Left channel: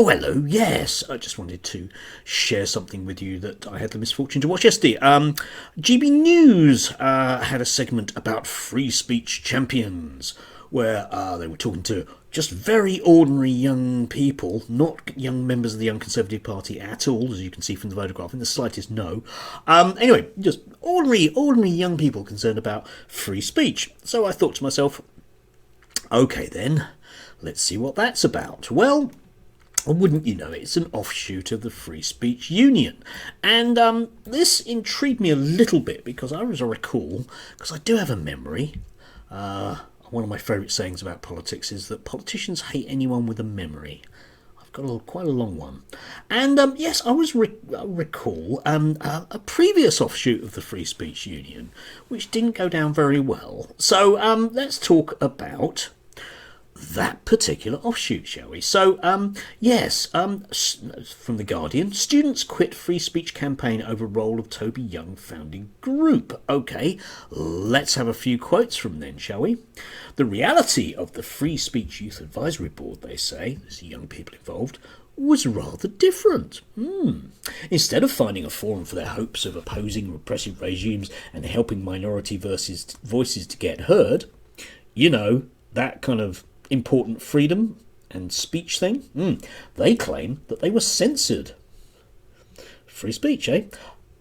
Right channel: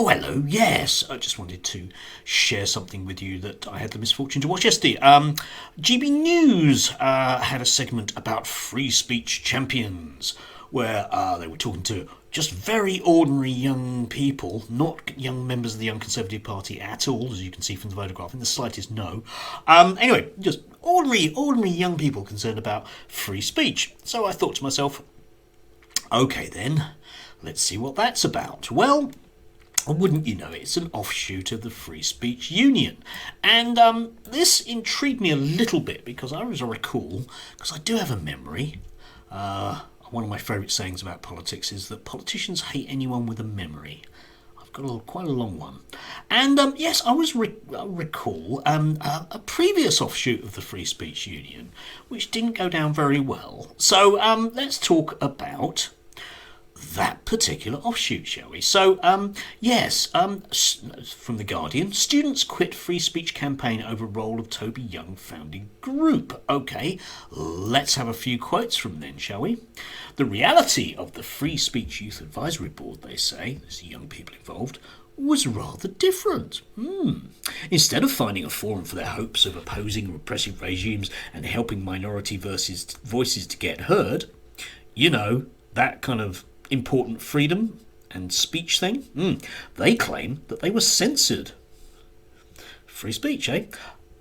Oh, hello. Yes, I just wanted to share something with you that I had the misfortune to watch yesterday. GB News had a segment about free speech champions where they were talking to just very ordinary young people, not young members of the Young Conservative Party at all, as you can see from the photograph, in the slightest no. Anyway, just ordinary young people concerned about free speech. So I thought to myself, okay then, let's see what that's about. Well, wouldn't you know it, it's an offshoot of the Free Speech Union. And this intrigued me a little bit because I recall, because I do have a memory, one of my favourite sayings about politics is that politicians hate anyone with a memory. I've got quite a long one. And yes, I recall a previous offshoot of the Free Speech Union, which didn't go down very well. So let's talk about that particular offshoot, shall we? So, yes, from The Guardian, students quit free speech campaign over role of Toby Young founding group. Okay, let's have a few quotes from then, shall we? The reality of the Free Speech Youth Advisory Board, they say, there's young people involved, was rather different. Instead of finding a forum for their hopes of opposing repressive regimes and helping minority voices to get heard, you know, that kind of important freedom and speech thing, they claim that they were censored. Free speech, eh?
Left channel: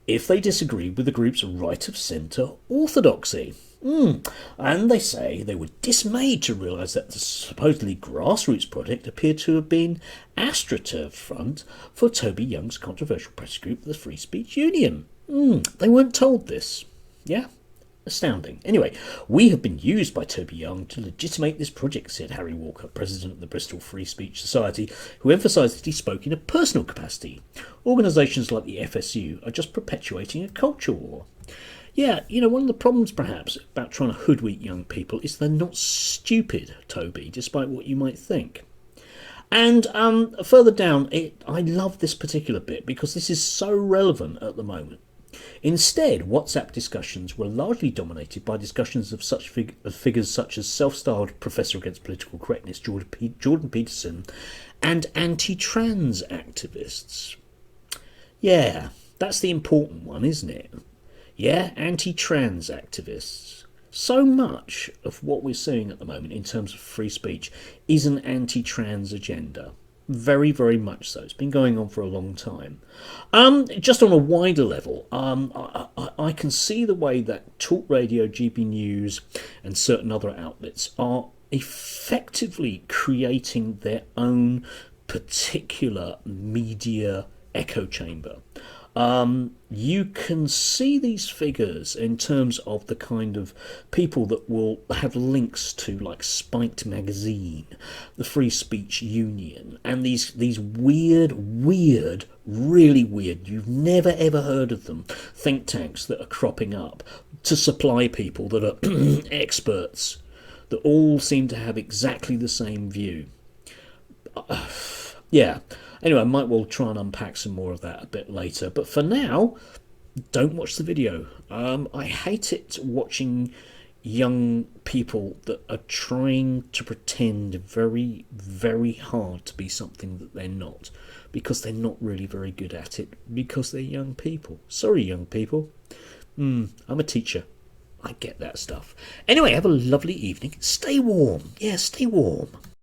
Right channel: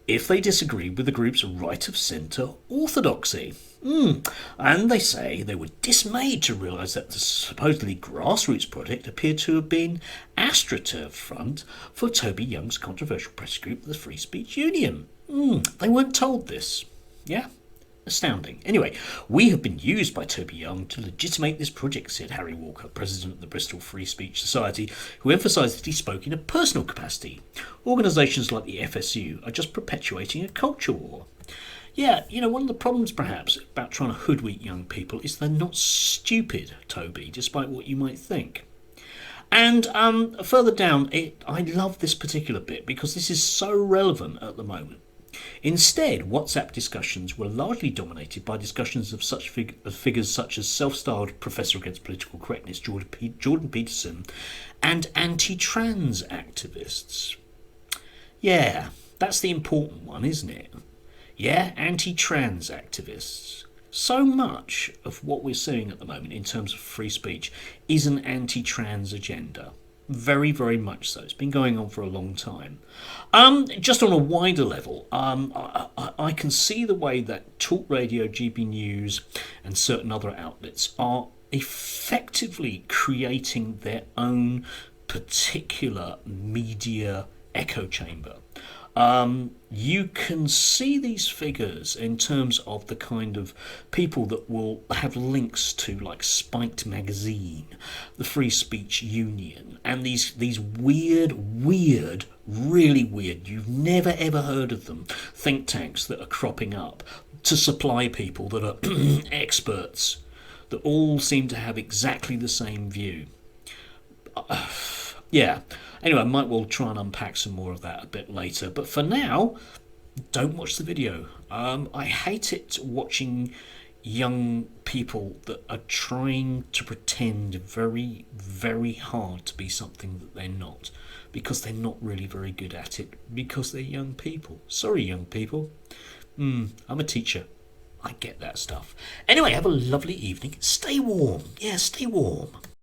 If they disagreed with the group's right-of-centre orthodoxy. And they say they were dismayed to realise that the supposedly grassroots project appeared to have been AstroTurf front for Toby Young's controversial press group, the Free Speech Union. They weren't told this. Yeah? Astounding. Anyway, we have been used by Toby Young to legitimate this project, said Harry Walker, president of the Bristol Free Speech Society, who emphasised that he spoke in a personal capacity. Organisations like the FSU are just perpetuating a culture war. Yeah, you know, one of the problems perhaps about trying to hoodwink young people is they're not stupid, Toby, despite what you might think. And further down, I love this particular bit because this is so relevant at the moment. Instead, WhatsApp discussions were largely dominated by discussions of such figures such as self-styled Professor Against Political Correctness Jordan Peterson and anti-trans activists. Yeah, that's the important one, isn't it? Yeah, anti-trans activists. So much of what we're seeing at the moment in terms of free speech is an anti-trans agenda. Very, very much so. It's been going on for a long time. Just on a wider level, I can see the way that Talk Radio, GB News and certain other outlets are effectively creating their own particular media echo chamber. You can see these figures in terms of the kind of people that will have links to like Spiked Magazine, the Free Speech Union, and these weird, really weird, you've never ever heard of them, think tanks that are cropping up to supply people that are experts, that all seem to have exactly the same view. Yeah. Anyway, I might well try and unpack some more of that a bit later. But for now, don't watch the video. I hate it watching young people that are trying to pretend very, very hard to be something that they're not. Because they're not really very good at it. Because they're young people. Sorry, young people. I'm a teacher. I get that stuff. Anyway, have a lovely evening. Stay warm. Yeah, stay warm.